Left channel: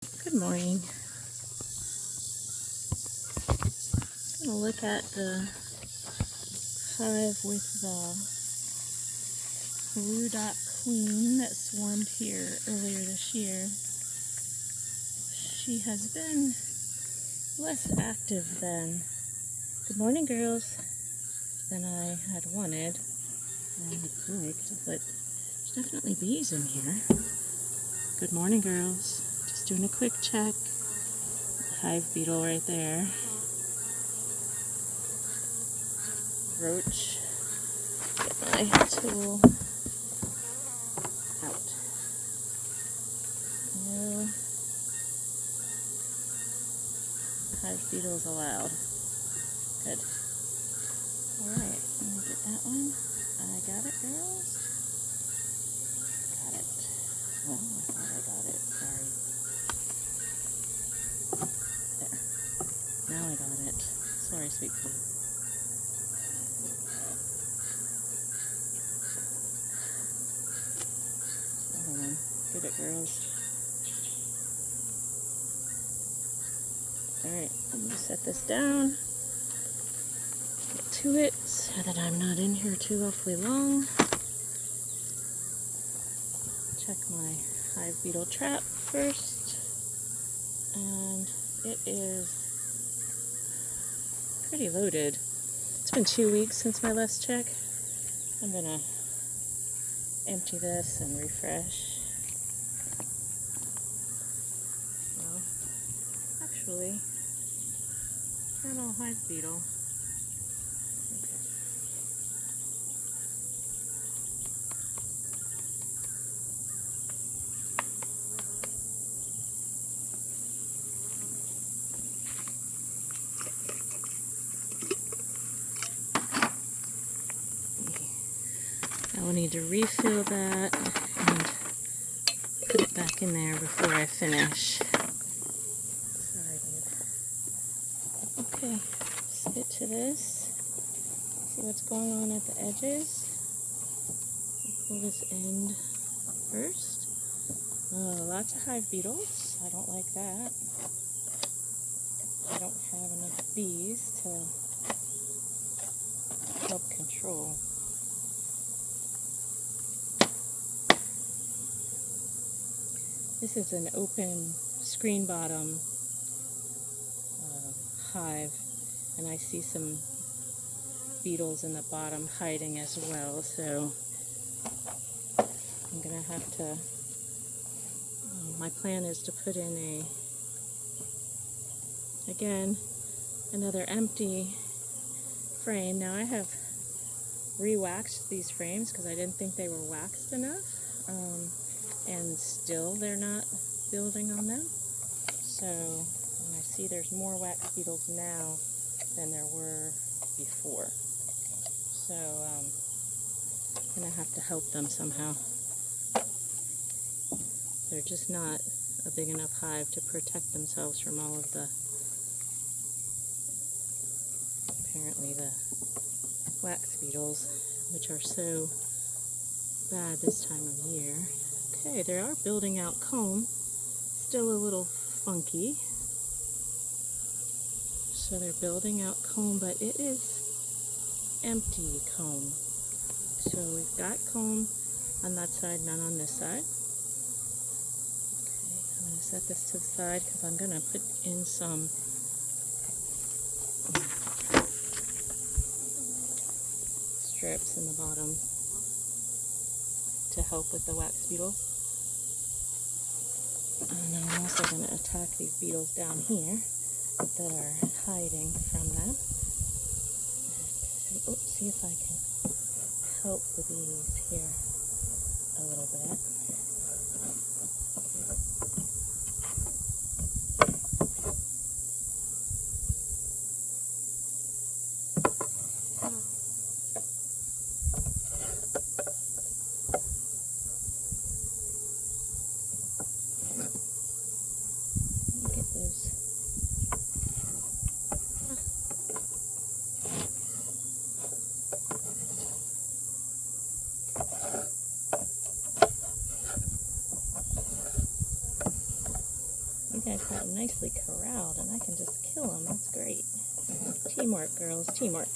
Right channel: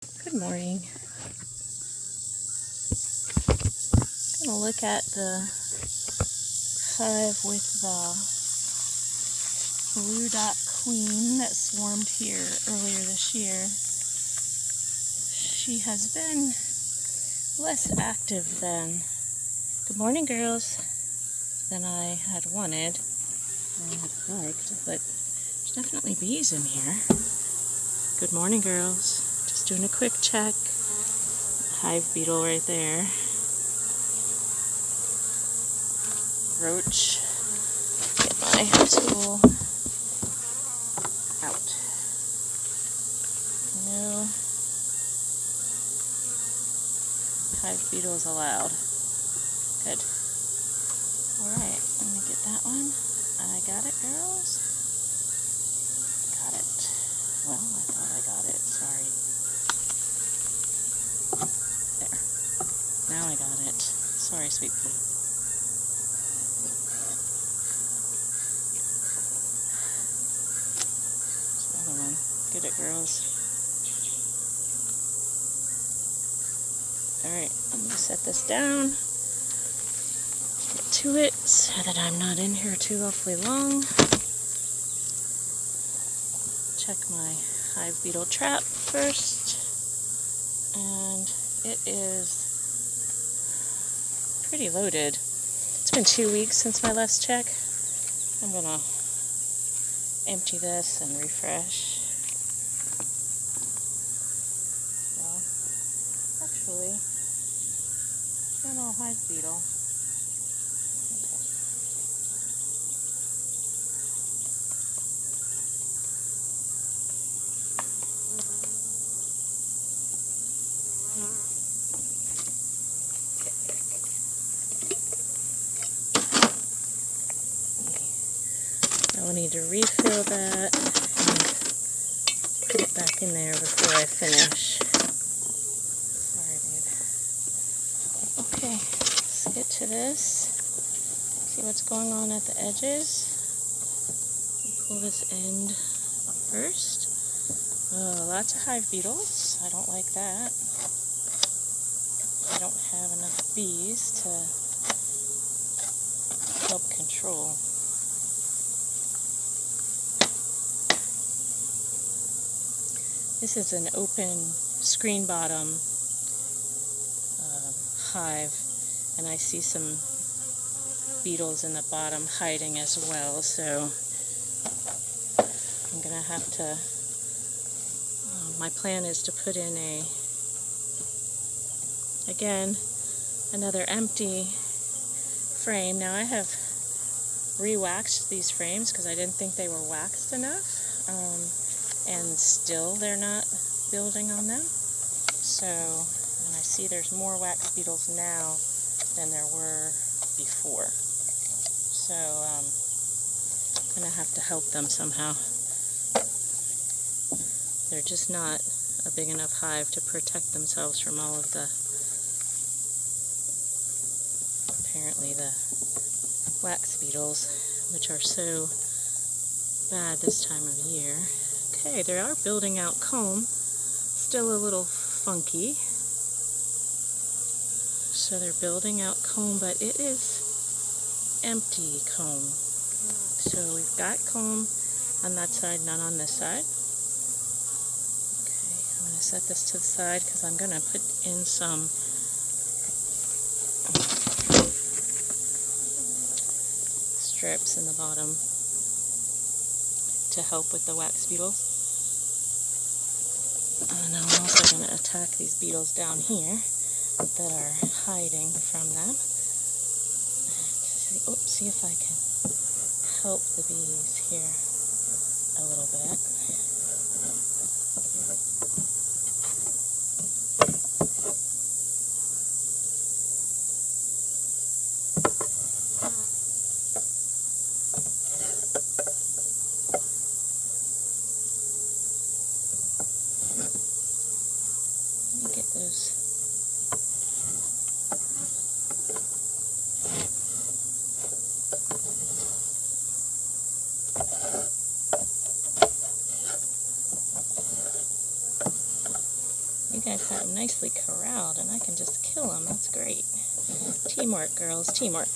Good morning. I'm going to look at the hive with the blue dot queen that swarmed here earlier this year. She has been less active than, good morning girls, than I had wanted, I had liked, but there's definitely bees in here. Good morning girls. Just doing a quick check. Hive beetle right there. Roach. Get my tool out. No hive beetles allowed. Good. Alright, let me get that one. I got it, girls. Got it. Well, I thought I got it. Sorry. There. Now I got it. Sorry, sweet pea. Another one. Get it, girls. Alright, I'm going to set this down. Get to it so that I'm not in here too awfully long. Check my hive beetle trap first. And it is pretty loaded. It's been 2 weeks since my last check. I'm going to empty this and refresh. Well, actually, no hive beetle. Okay. Now we need to refill that and put it back in there before I finish. Sorry, babe. Okay, let's get to this. See what's going on at the edges. Pull this end first. Oh, lots of hive beetles. I don't like that. I don't have enough bees to help control. This is an open screen bottom hive, and I see some beetles in the bottom hiding as well, so I'm gonna have to, my plan is to put in again, another empty frame. Now I have re-waxed these frames because I didn't think they were waxed enough, and still they're not building on them. So, and I see there's more wax beetles now than there were before. So, I'm gonna have to help them somehow. They're just not a big enough hive to protect themselves from all of the, apparently the wax beetles, which are so bad this time of year. Okay, they are building out comb, still a little funky. So they're building out comb, but it is empty comb. So we've got comb on that side, none on this side. Okay, I'm going to set this to the side because I'm going to put in some strips in the bottom to help with the wax beetles. And I'm also going to attack these beetles down here that are hiding from them. See if I can help the bees here a little bit. Let me get those. You guys have them nicely corralled, and I can just kill them. That's great. Teamwork, girls, teamwork.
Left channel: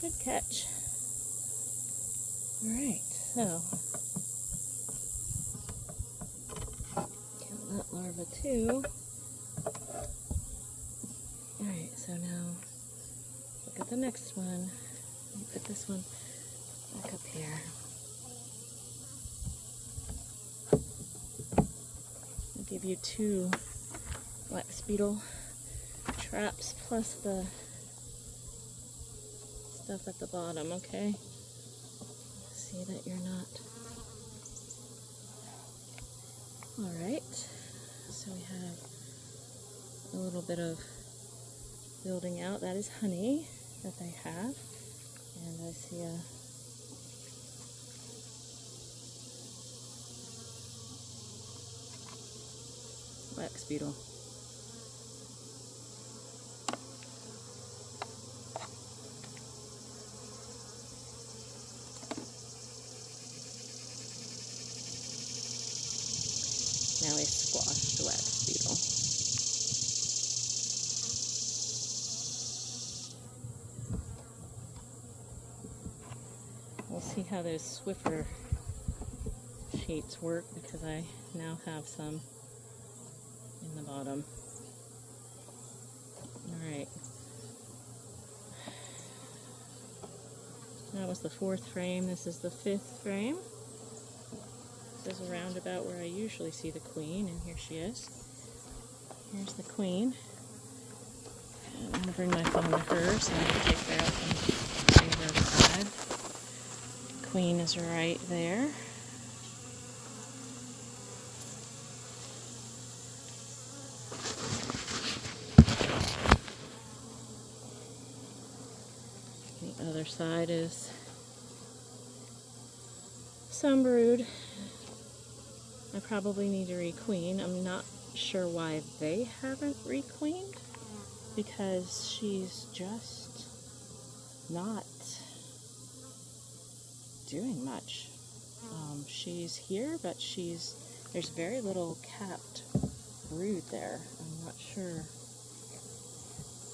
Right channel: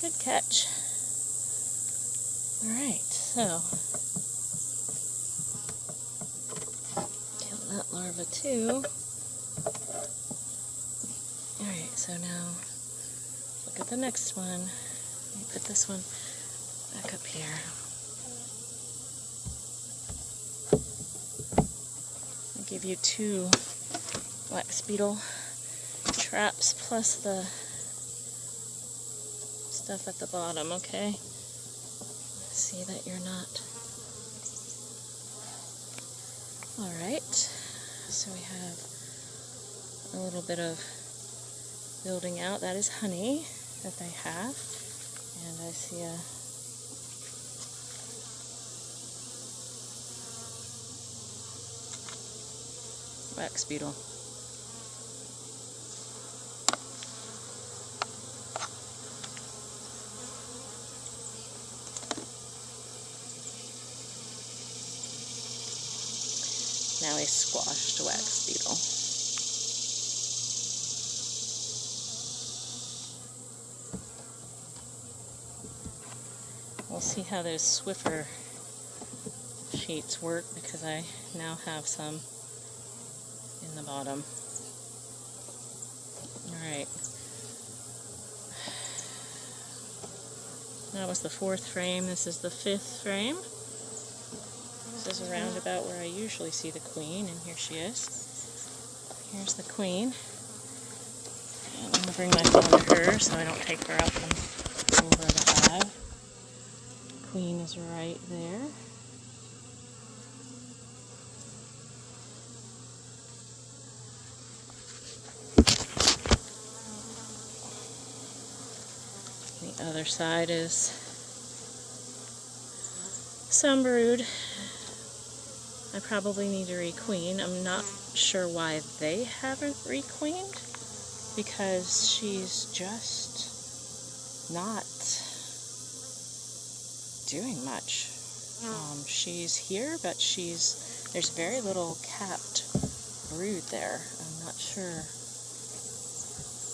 Good catch. Alright, so kill that larva too. Alright, so now look at the next one. Let me put this one back up here. I'll give you 2 wax beetle traps plus the stuff at the bottom, okay? See that you're not. Alright, so we have a little bit of building out. That is honey that they have. And I see a wax beetle. Now a squashed wax beetle. We'll see how those Swiffer sheets work because I now have some in the bottom. Alright. That was the 4th frame. This is the 5th frame. This is around about where I usually see the queen, and here she is. Here's the queen. And I'm going to bring my phone to her so I don't take her out from over the hive. Queen is right there. The other side is some brood. I probably need to requeen. I'm not sure why they haven't requeened because she's just not doing much. She's here, but there's very little capped brood there. I'm not sure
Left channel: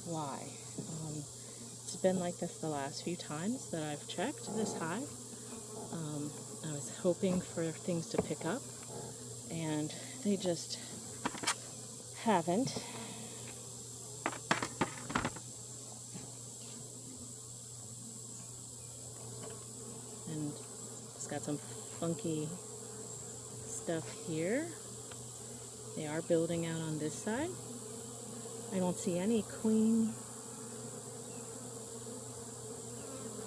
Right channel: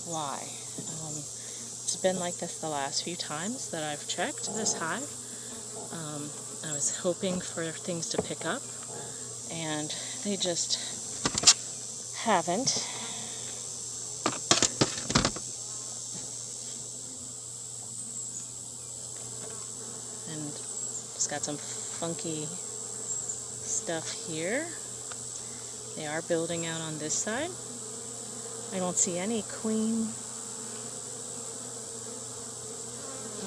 why. It's been like this the last few times that I've checked this hive. I was hoping for things to pick up, and they just haven't. And just got some funky stuff here. They are building out on this side. I don't see any queen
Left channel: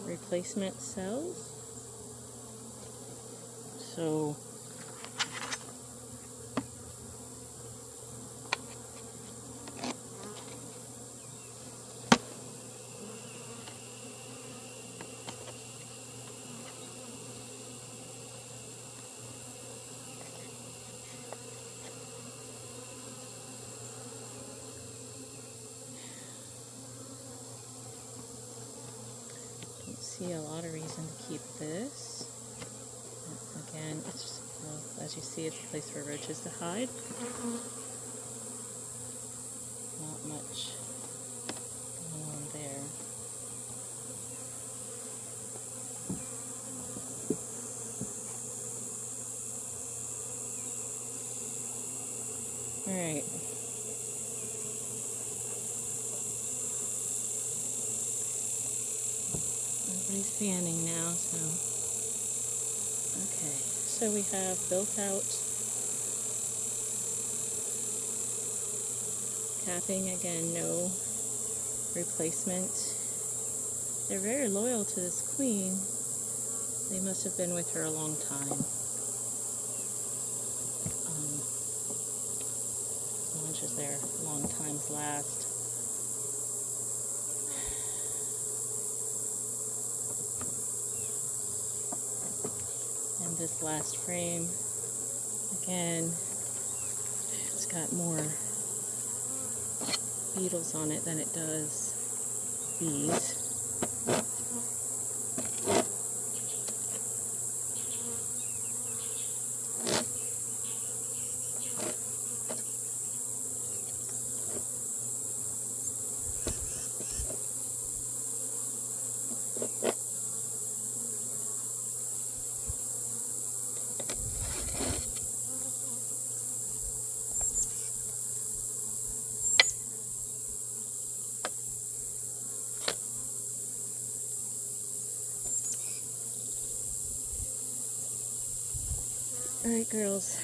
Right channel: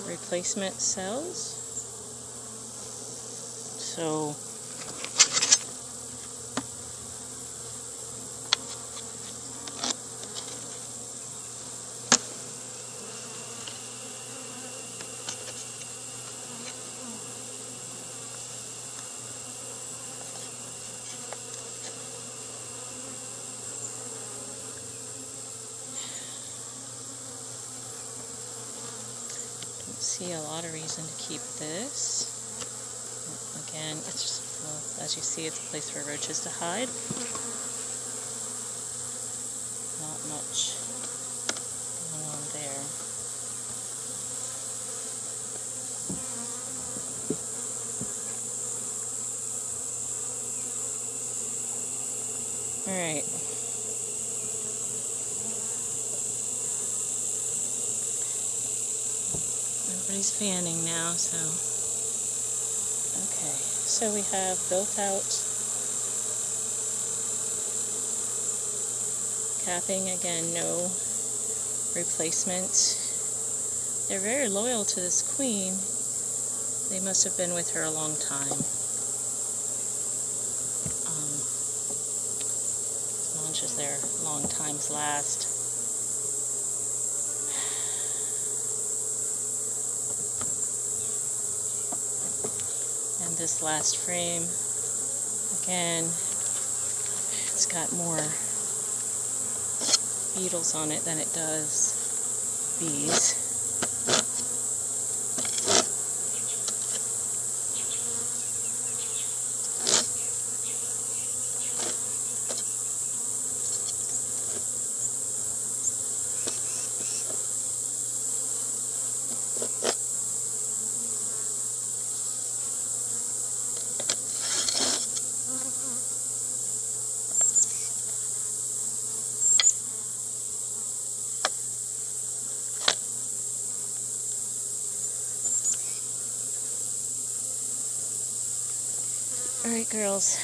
replacement cells. So don't see a lot of reason to keep this. Again, it's just, well, as you see, it's a place for roaches to hide. Not much going on there. Alright. Everybody's fanning now, so... Okay, so we have built out capping, again, no replacement. They're very loyal to this queen. They must have been with her a long time. much as their long times last. And this last frame, again, it's got more beetles on it than it does bees. Alright, girls.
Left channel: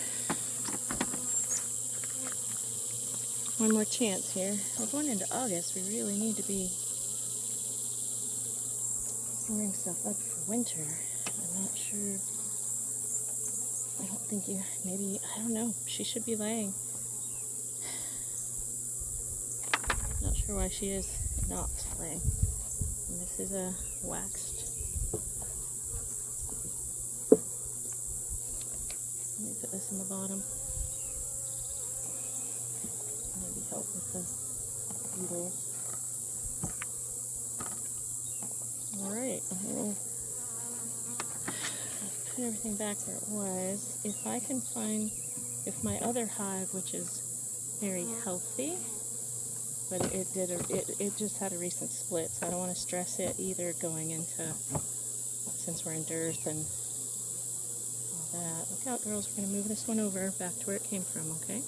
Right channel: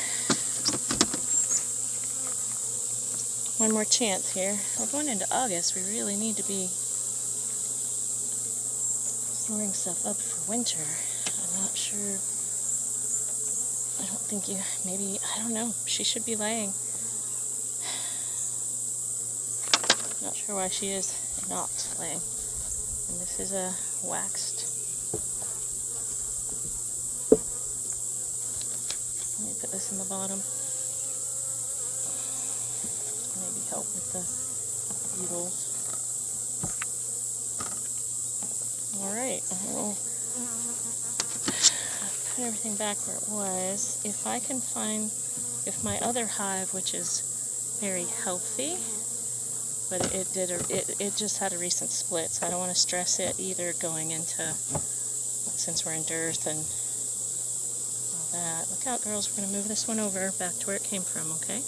One more chance here. We're going into August. We really need to be storing stuff up for winter. I'm not sure. I don't think maybe, I don't know. She should be laying. Not sure why she is not laying. And this is a waxed. Let me put this in the bottom. Maybe help with the beetles. Alright, I'll put everything back where it was. If I can find, if my other hive, which is very healthy, but it just had a recent split, so I don't want to stress it either going into, since we're in dearth and all that. Look out, girls, we're going to move this one over back to where it came from, okay?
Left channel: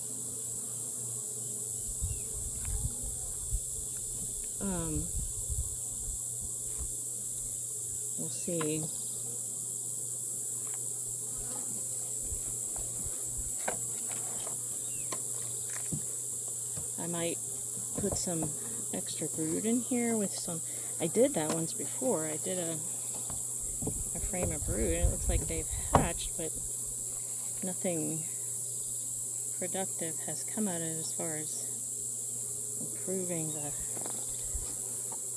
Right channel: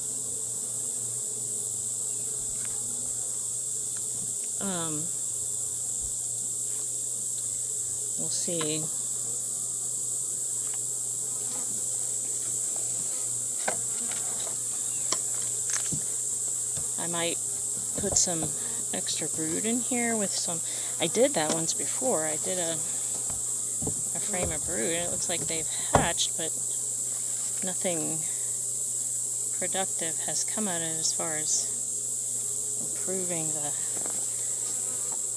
We'll see. I might put some extra brood in here with some, I did that once before. I did a frame of brood, and it looks like they've hatched, but nothing productive has come out of it as far as improving the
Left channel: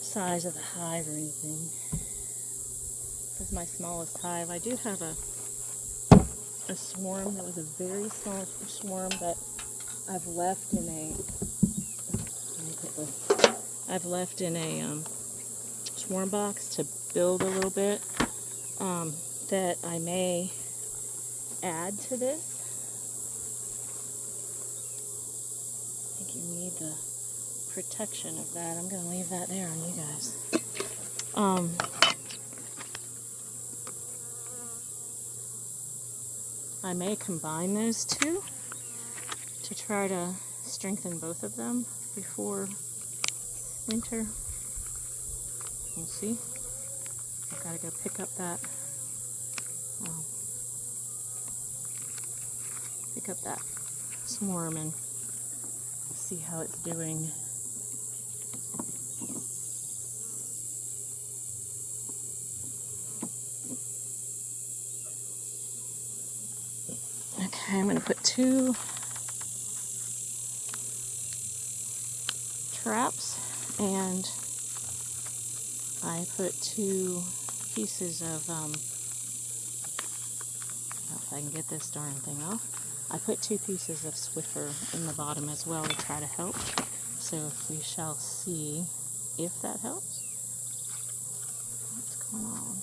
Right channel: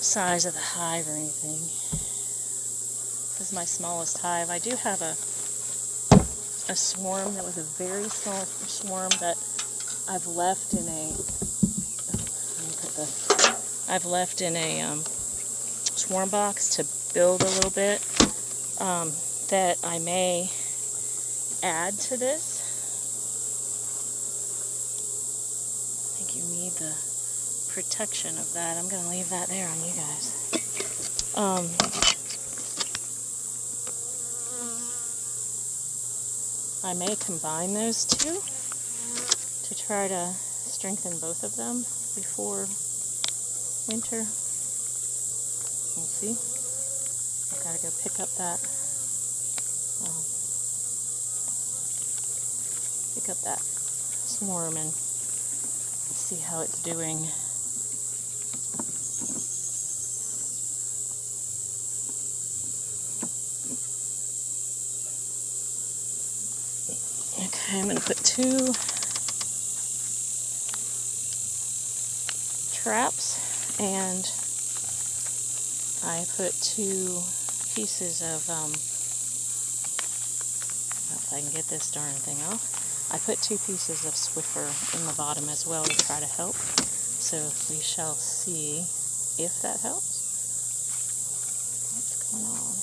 size of the hive or anything. This is my smallest hive. I do have a swarm that was a very small swarm that I've left in a swarm box to build a little bit, that I may add to this. I think you need the protection of that. I'm going to leave that there on you guys. I may combine those two to try to strengthen both of them before winter. We'll see. I've got to go pick up that swarm and see how it's doing. Okay, I'm going to put 2 traps, and I put 2 pieces of, I don't know if I can get this darn thing off. I put 2 pieces of Swiffer in the bottom as well to try to help. So we shall see if that helps. What's going on?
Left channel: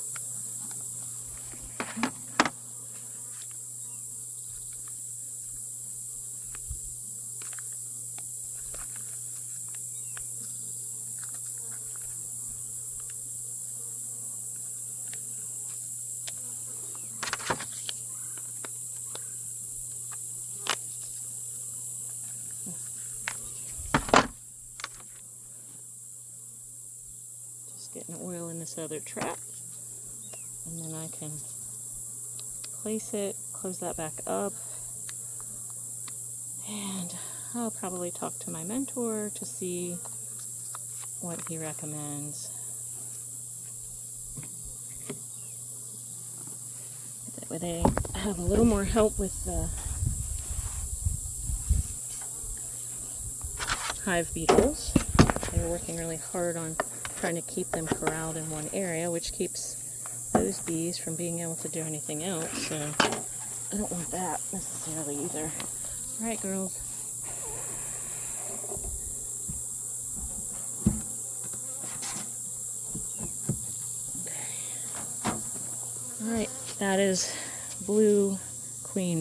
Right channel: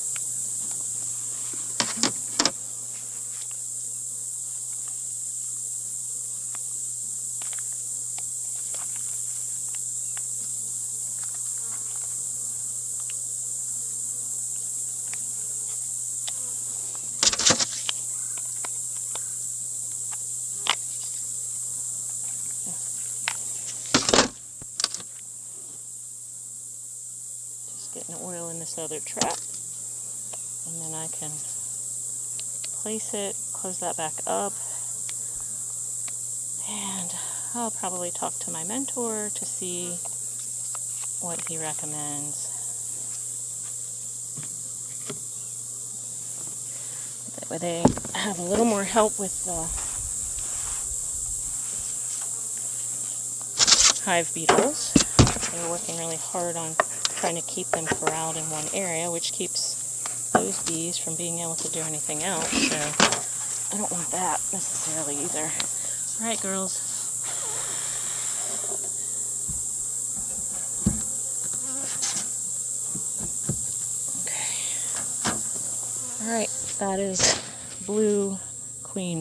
Getting oil in this other trap, and then I can place it, close that back up, and I'll probably talk to my mentor to see what he recommends. That way they have a little more help with the hive beetles. They're working really hard on trying to keep them corralled in one area, which keeps those bees from being able to do anything else. So I don't want that necessarily either. All right, girls. Okay. All right, that is blue queen.